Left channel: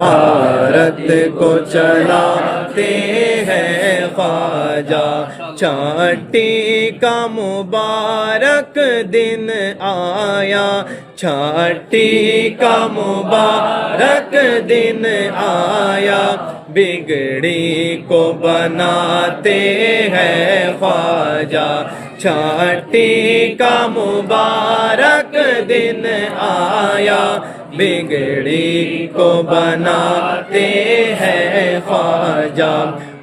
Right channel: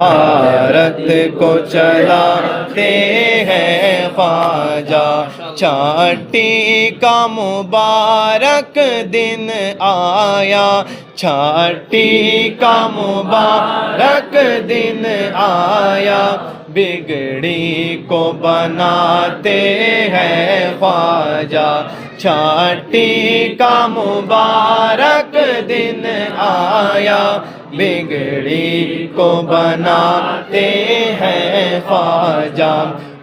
بھارت کو چلاتے ہیں خواجہ، چھٹی کا مبارک دن آیا، چھٹی کا مبارک دن آیا، بگڑی کو بناتے ہیں خواجہ، چھٹی کا مبارک دن آیا، بگڑی کو بناتے ہیں خواجہ،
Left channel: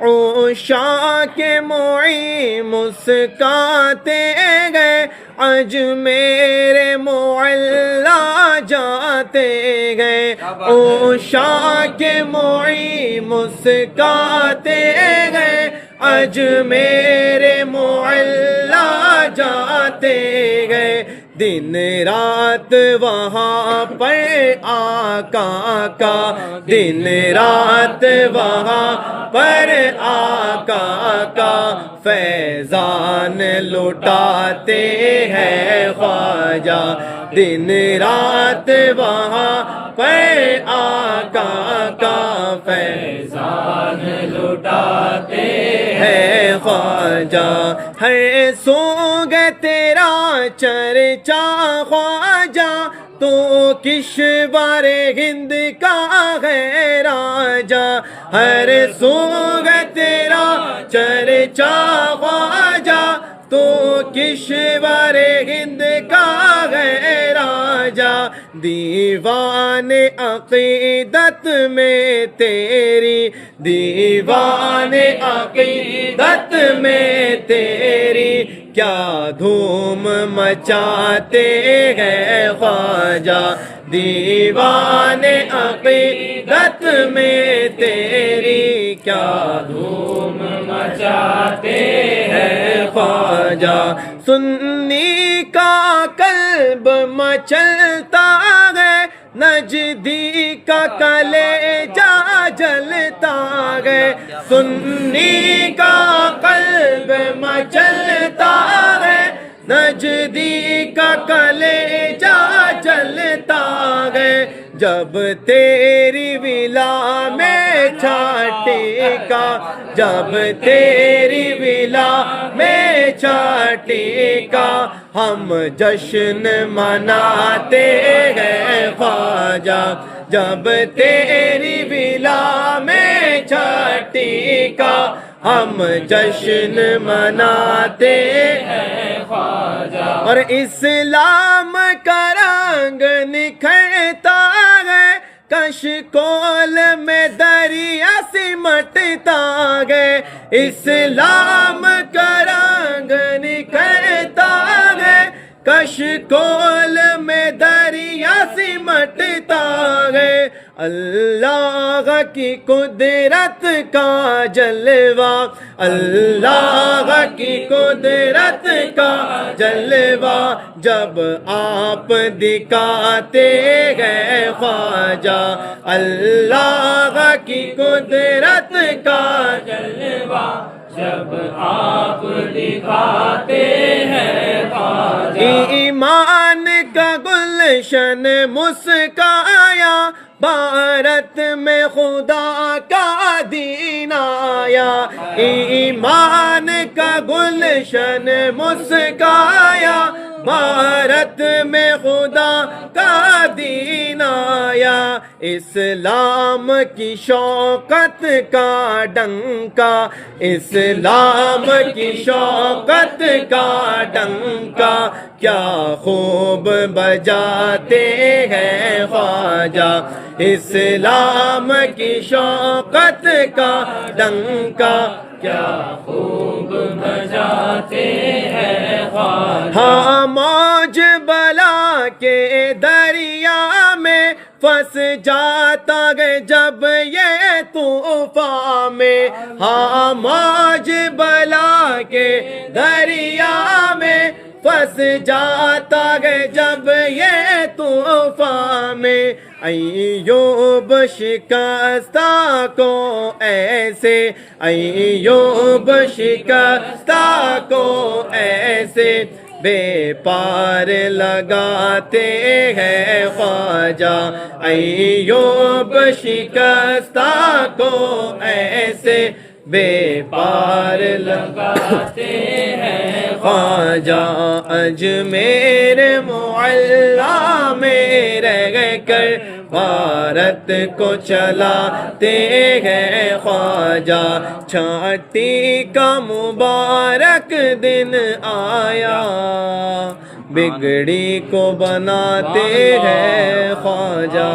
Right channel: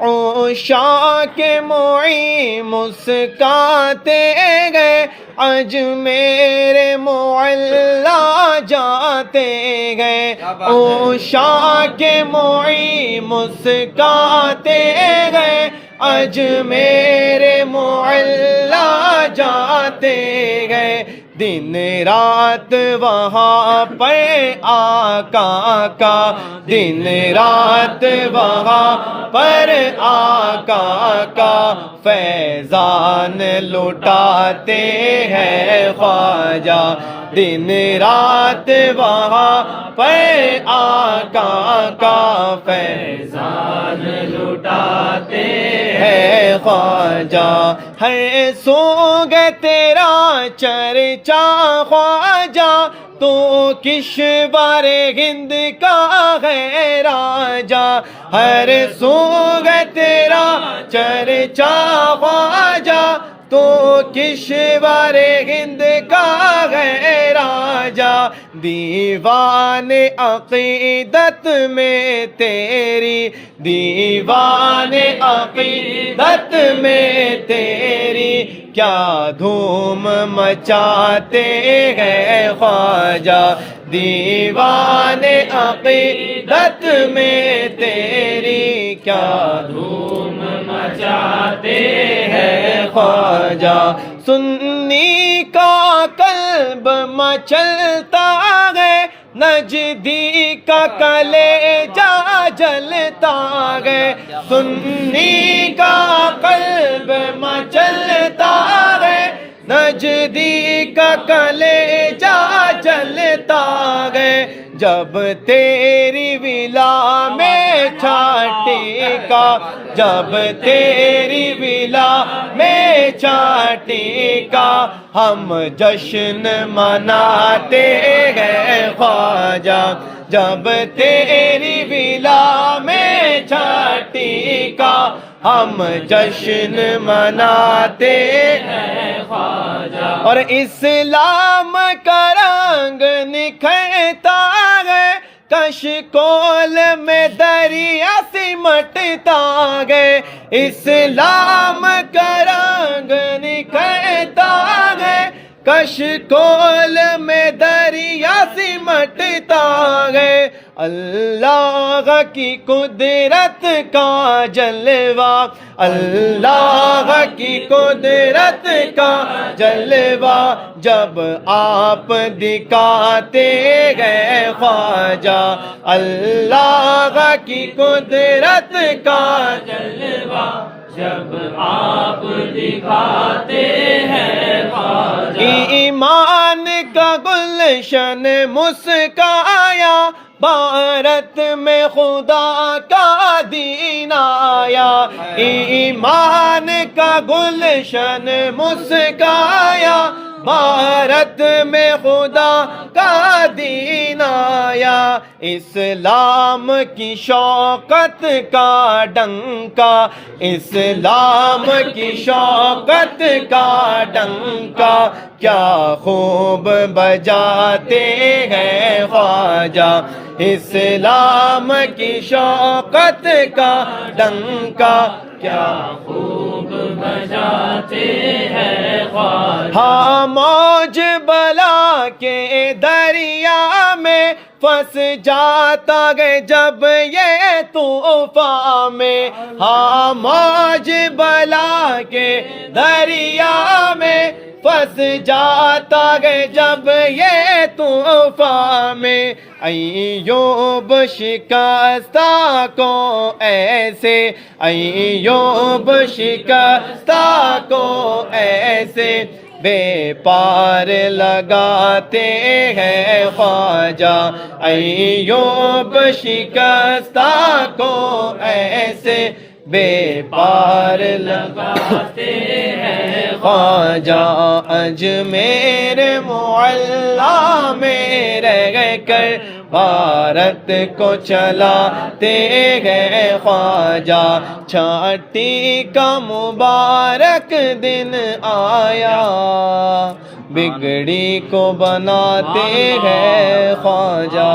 عشاق معین مسکاتے گئے، اجمیر معلیٰ جاتے گئے، عشاق معین مسکاتے گئے، اجمیر معلیٰ جاتے گئے، دن رات وہاں پر آقا کا، دن رات وہاں پر آقا کا فیضان لٹاتے ہیں خواجہ، دن رات وہاں پر آقا کا فیضان لٹاتے ہیں خواجہ، ہر سوگ تیرا چرچا خواجہ، تو کشور ہند کا ہے راجہ، ہر سوگ تیرا چرچا خواجہ، تو کشور ہند کا ہے راجہ، دیوان عقیدت میں تیری، دیوان عقیدت میں تیری، کیا دھوم مچاتے ہیں خواجہ، دیوان عقیدت میں تیری، کیا دھوم مچاتے ہیں خواجہ، سنی کا قلب مچلتا ہے، نجدی کا کلیجہ جلتا ہے، سنی کا قلب مچلتا ہے، نجدی کا کلیجہ جلتا ہے، جب تیری ولا میں چھٹی کا، جب تیری ولا میں چھٹی کا ہم جشن مناتے ہیں خواجہ، جب تیری ولا میں چھٹی کا ہم جشن مناتے ہیں خواجہ، اور اسلام کا رنگ نکھرتا ہے، کشکول میں دریا سمٹتا ہے، اسلام کا رنگ نکھرتا ہے، کشکول میں دریا سمٹتا ہے، اللہ کی قدرت کا جلوہ، اللہ کی قدرت کا جلوہ، جب آپ دکھاتے گئے خواجہ، اللہ کی قدرت کا جلوہ، جب آپ دکھاتے ہیں خواجہ، ایمان کا گلشن مسکایا، بھارت میں خدا کا دین آیا، ایمان کا گلشن مسکایا، بھارت میں خدا کا دین آیا، اسلام کی شوکت کا ڈنکا، اسلام کی شوکت کا ڈنکا، کیا خوب بجاتے ہیں خواجہ، اسلام کی شوکت کا ڈنکا، کیا خوب بجاتے ہیں خواجہ، ہاں موج بلا کے دریا میں پھنس جاتا ہے جب یہ طوفان میں، ہاں موج بلا کے دریا میں پھنس جاتا ہے جب یہ طوفان میں، ایوب شکستہ کو ایسے، ایوب شکستہ کو ایسے بے پار لگاتے ہیں خواجہ، ایوب شکستہ کو ایسے بے پار لگاتے ہیں خواجہ، اجمیر معلیٰ میں رہ کر بھارت کو چلاتے ہیں خواجہ، چھٹی کا مبارک دن آیا، بگڑی کو بناتے ہیں خواجہ۔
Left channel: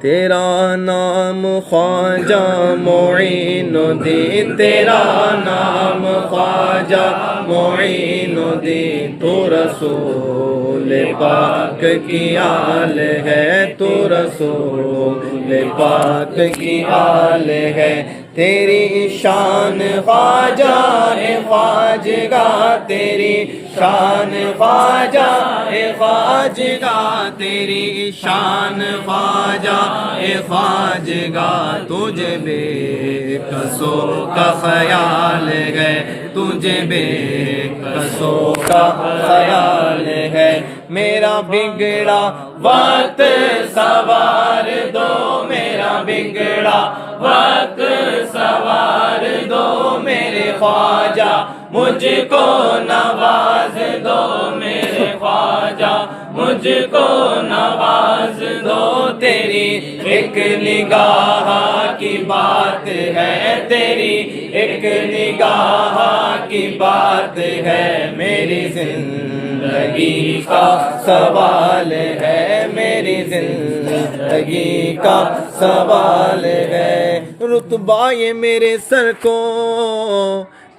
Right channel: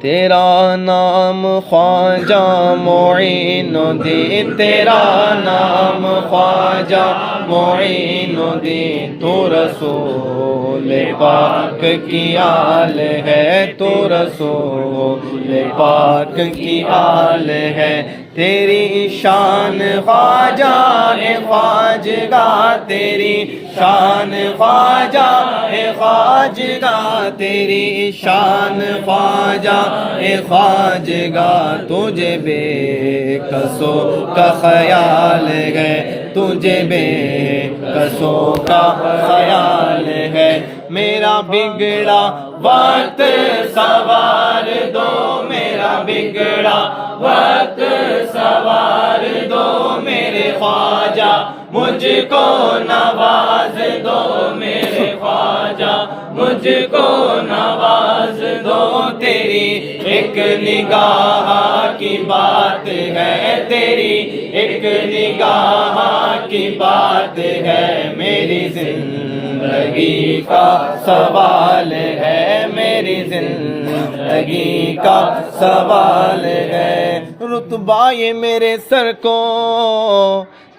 تیرا نام خواجہ معین الدین، تیرا نام خواجہ معین الدین، تو رسول پاک کی آل ہے، تو رسول پاک کی آل ہے، تیری شان خواجہ ہے خواجگاہ، تیری شان خواجہ ہے خواجگاہ، تیری شان خواجہ ہے خواجگاہ، تجھے بے کسوں کا خیال ہے، تجھے بے کسوں کا خیال ہے، میرا بگڑا وقت سوار دو، میرا بگڑا وقت سوار دو، میرے خواجہ مجھ کو نواز دو، میرے خواجہ مجھ کو نواز دو، تیری ایک نگاہ کی بات ہے، تیری ایک نگاہ کی بات ہے، میری زندگی کا سوال ہے، میری زندگی کا سوال ہے، رتبہ یہ میرے سر کو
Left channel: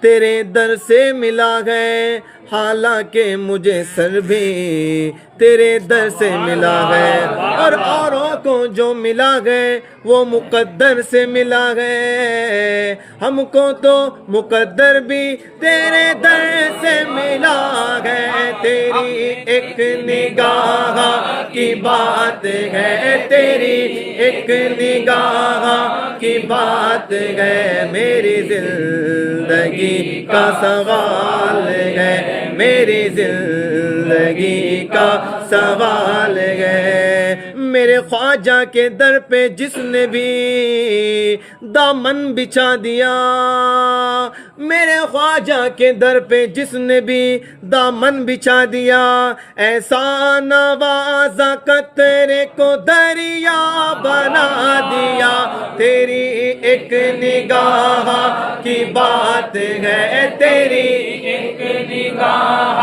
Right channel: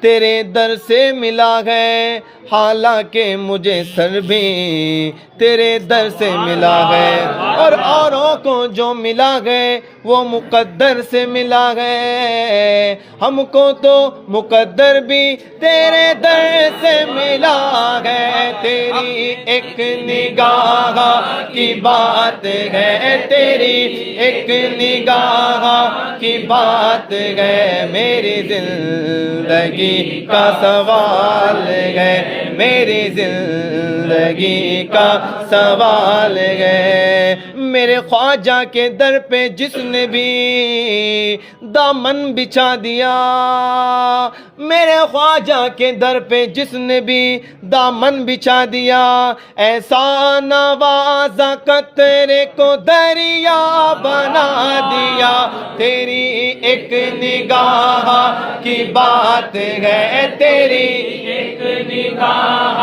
تیرے در سے ملا ہے، حالانکہ مجھے سر بھی تیرے در سے ملا ہے، اور اوروں کو جو ملا ہے وہ مقدر سے ملا ہے، ہم کو تو مقدر بھی تیرے در سے ملا ہے، تیری ایک نگاہ کی بات ہے، تیری ایک نگاہ کی بات ہے، میری زندگی کا سوال ہے، میری زندگی کا سوال ہے، میرے خواجہ کے در پہ جس نے بھی دامن بچھا دیا، میرے خواجہ کے در پہ جس نے بھی دامن بچھا دیا، ایسا نوازا قطرے کو دریا بنا دیا، تیری ایک نگاہ کی بات ہے، تیری ایک نگاہ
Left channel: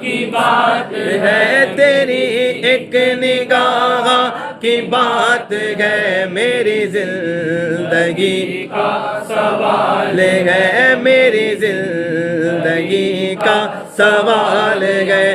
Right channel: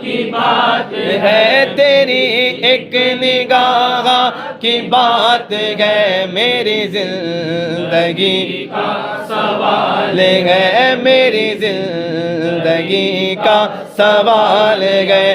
کی بات ہے، تیری ایک نگاہ کی بات ہے، میری زندگی کا سوال ہے، میری زندگی کا سوال ہے،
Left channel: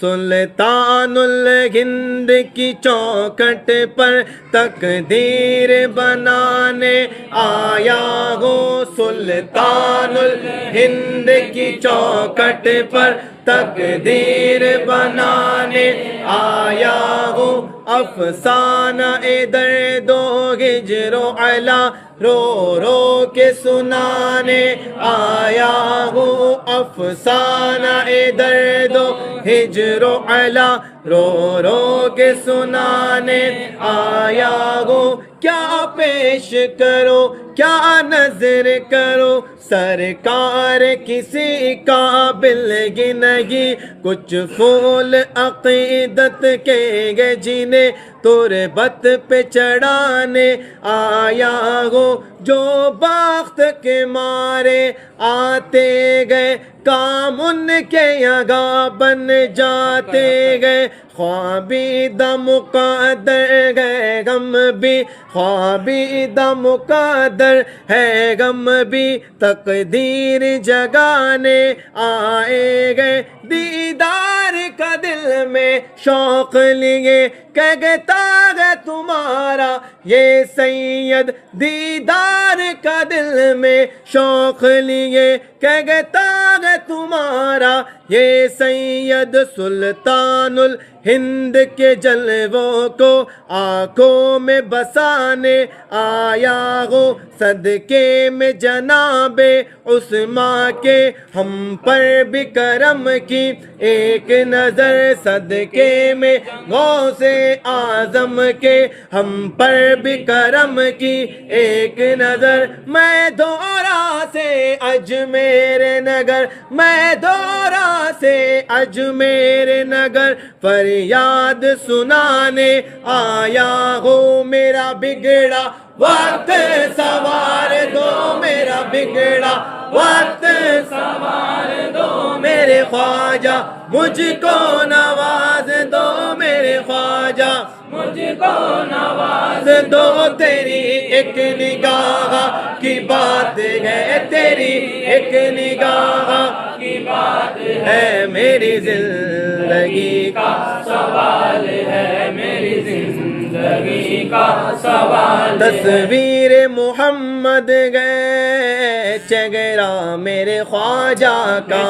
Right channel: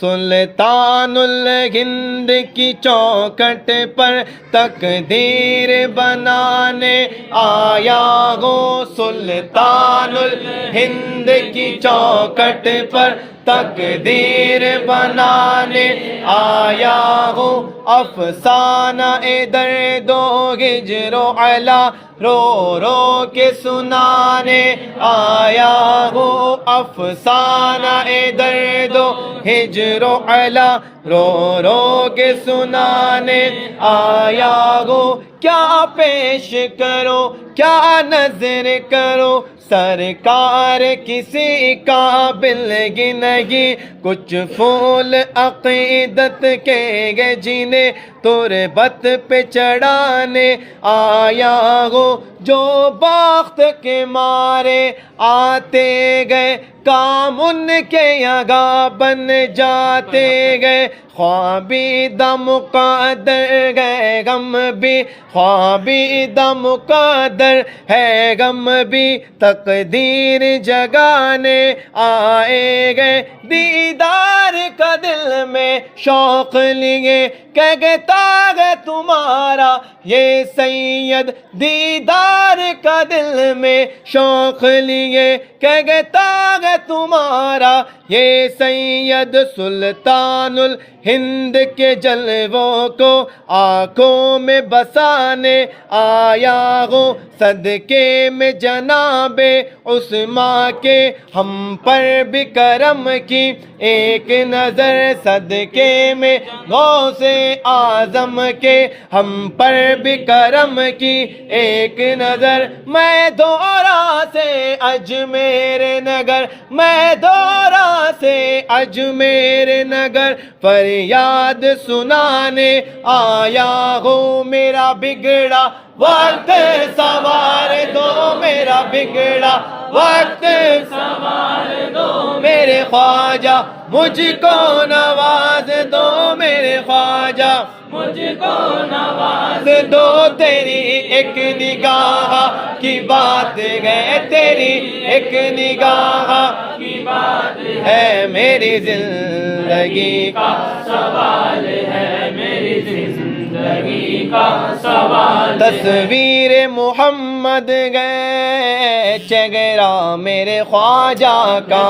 سلطان الہند کی چوکھٹ پر تقدیر بنانے آیا ہو، سلطان الہند کی چوکھٹ پر تقدیر بنانے آیا ہو، افسانہ درد و ہجر و علا رو رو کے سنانے آیا ہو، افسانہ درد و ہجر و علا رو رو کے سنانے آیا ہو، کیا پیش کرو کیا نظر کرو، سرکار کسی قابل کی نہیں، کچھ پھول عقیدت کے گے جنہیں تربت پہ چڑھانے آیا ہو، جو بخت کے مارے آتے گئے کام ان کے یگاں بن جاتے گئے، خوابیدہ مقدر ہے غم بھی، خوابیدہ مقدر ہے غم بھی، تقدیر جگانے آئے گئے، دیدار کا دل میں شوق لیے کہتا ہے تمہارا یہ سید، دیدار کا دل میں شوق لیے کہتا ہے تمہارا یہ سید سلطان الہند کے جلووں کو آنکھوں میں بسانے آیا ہوں صدقے میں جناب عثمان کے ہم پر بھی کرم کی ایک نظر صدقے میں غوث اعظم کے ہم پر بھی کرم کی ایک نظر میں دورا سے اجمیر نگر میں دورا سے اجمیر نگر فریاد سنانے آیا ہوں میرا بگڑا وقت سوار دو میرا بگڑا وقت سوار دو میرے خواجہ مجھ کو نواز دو میرے خواجہ مجھ کو نواز دو تیری ایک نگاہ کی بات ہے تیری ایک نگاہ کی بات ہے میری زندگی کا سوال ہے میری زندگی کا سوال تصویر محمد گئے چہرہ میرے خواجہ کا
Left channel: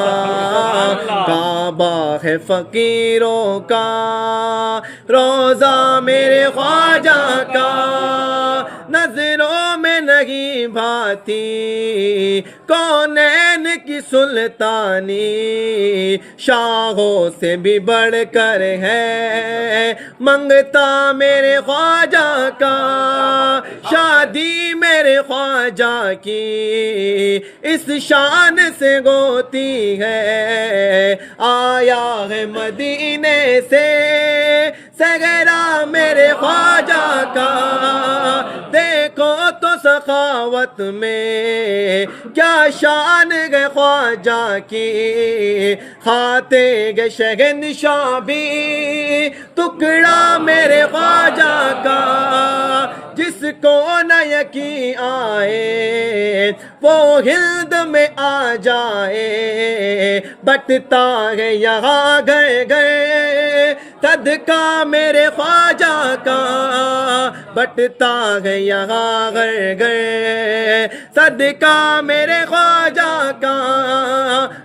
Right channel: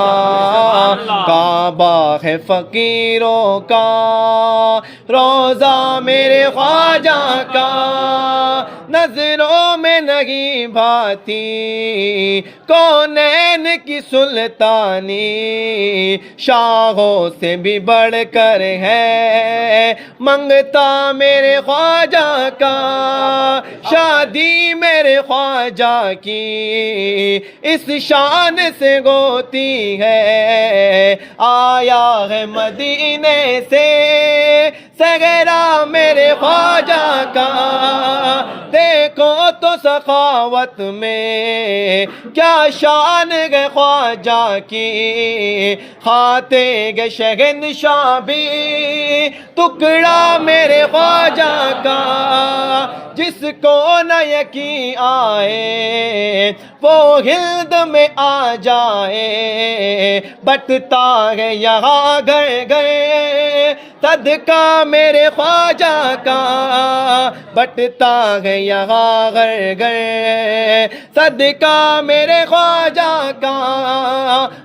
کعبہ ہے فقیروں کا روزہ میرے خواجہ کا نظروں میں نہیں بھاتی کونین کی سلطانی شاہوں سے بھی بڑھ کر ہے منگتا میرے خواجہ کا شادی میرے خواجہ کی اس شان سے ہوتی ہے آیا ہے مدینے سے صحرا میرے خواجہ کا دیکھو تو سخاوت میں کیا شان ہے خواجہ کی کھاتے گے شہنشاہ بھی ٹکڑا میرے خواجہ کا جس کو نہ یقین آئے وہ ہلد میں آ جائے بٹتا ہے یہاں گھر گھر صدقہ میرے خواجہ کا بٹتا ہے یہاں گھر گھر صدقہ میرے خواجہ کا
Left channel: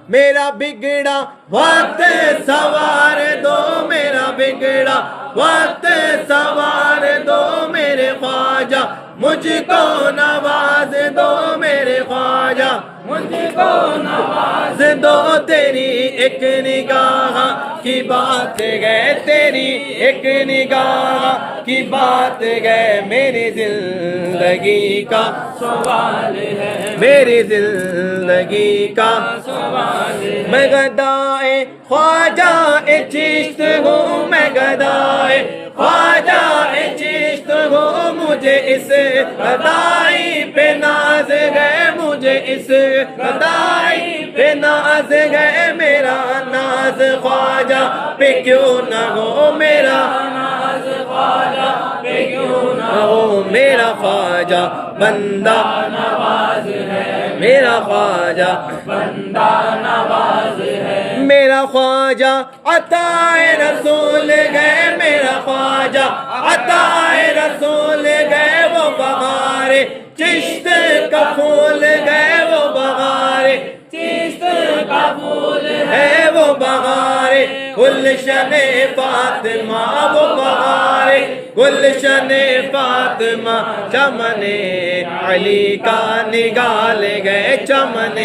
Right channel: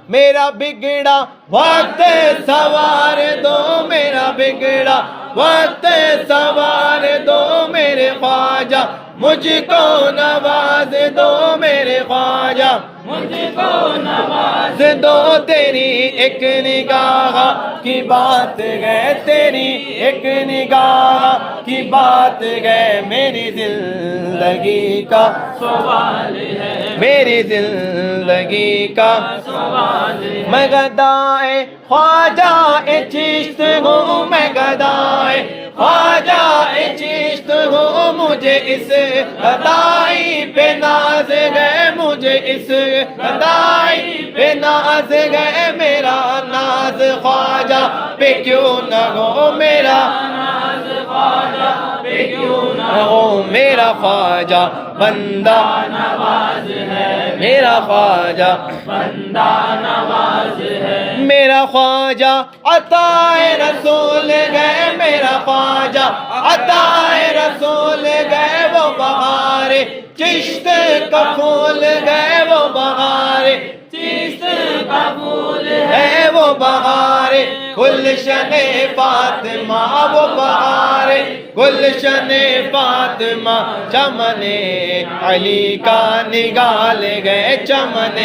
میرا بگڑا وقت سوار دو میرا بگڑا وقت سوار دو میرے خواجہ مجھ کو نواز دو میرے خواجہ مجھ کو نواز دو تیری ایک نگاہ کی بات ہے تیری ایک نگاہ کی بات ہے میری زندگی کا سوال ہے میری زندگی کا سوال ہے میں گدائے خواجہ چشت ہوں میں گدائے خواجہ چشت ہوں مجھے اس گدائی پہ ناز ہے مجھے اس گدائی پہ ناز ہے میرا ناز خواجہ پہ کیوں نہ ہو میرا ناز خواجہ پہ کیوں نہ ہو میرا خواجہ بندہ نواز ہے میرا خواجہ بندہ نواز ہے میرا خواجہ عطائے رسول گئے میرا خواجہ عطائے رسول گئے وہ بہار چشت کا پھول گئے وہ بہار چشت کا پھول ہے وہ بہار گلشن فاطمہ وہ بہار گلشن فاطمہ چمن علی کا نگال گئے چمن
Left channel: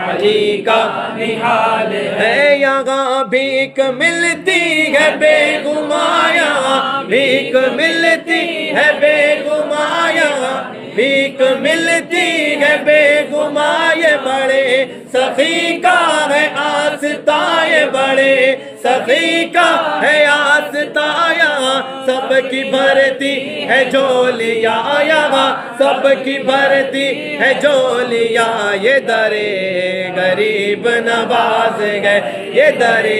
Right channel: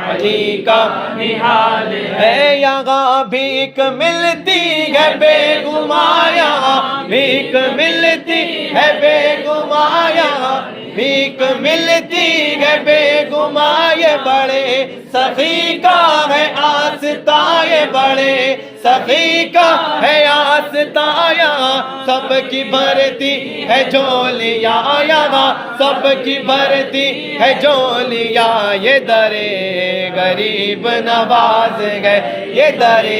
علی کا نہال ہے یہاں بھیک ملتی ہے بے گمایا بھیک ملتی ہے بے گمایا بھیک ملتی ہے بے گمائے بڑے سخی کا ہے آستائے بڑے سخی کا ہے آستایا سب کی بھرتی ہے جھولیاں یہاں سب کی بھرتی ہے جھولیاں یہ درے غریب نواز گئے یہ درے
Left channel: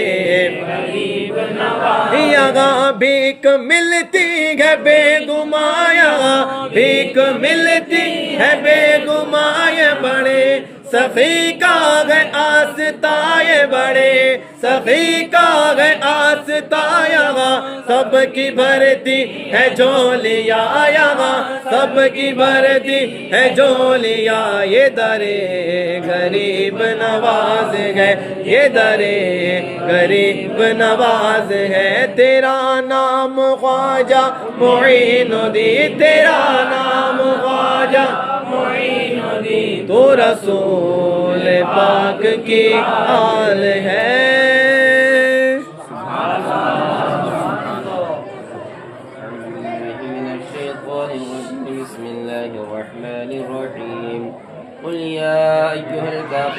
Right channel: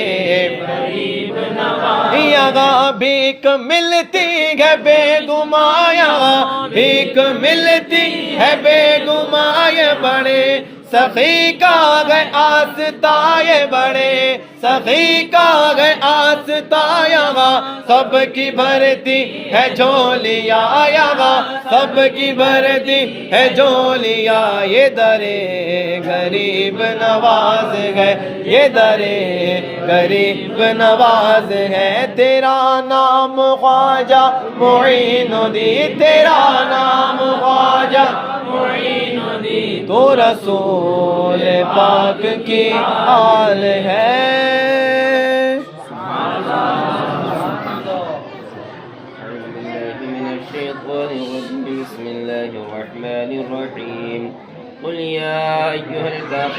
غریب نواز یہاں بھیک ملتی ہے بے گمایا بھیک ملتی ہے بے گمائے بڑے سخی کا ہے آستائے بڑے سخی کا ہے آستائے یہاں سب کی بھرتی ہے جھولیاں یہاں سب کی بھرتی ہے جھولیاں یہ درے غریب نواز ہے یہ درے غریب نواز ہے تیرا نام خواجہ معین الدین تیرا نام خواجہ معین الدین تو رسول پاک کی آل ہے بسم الله الرحمن الرحيم قل يا أيها الكافرون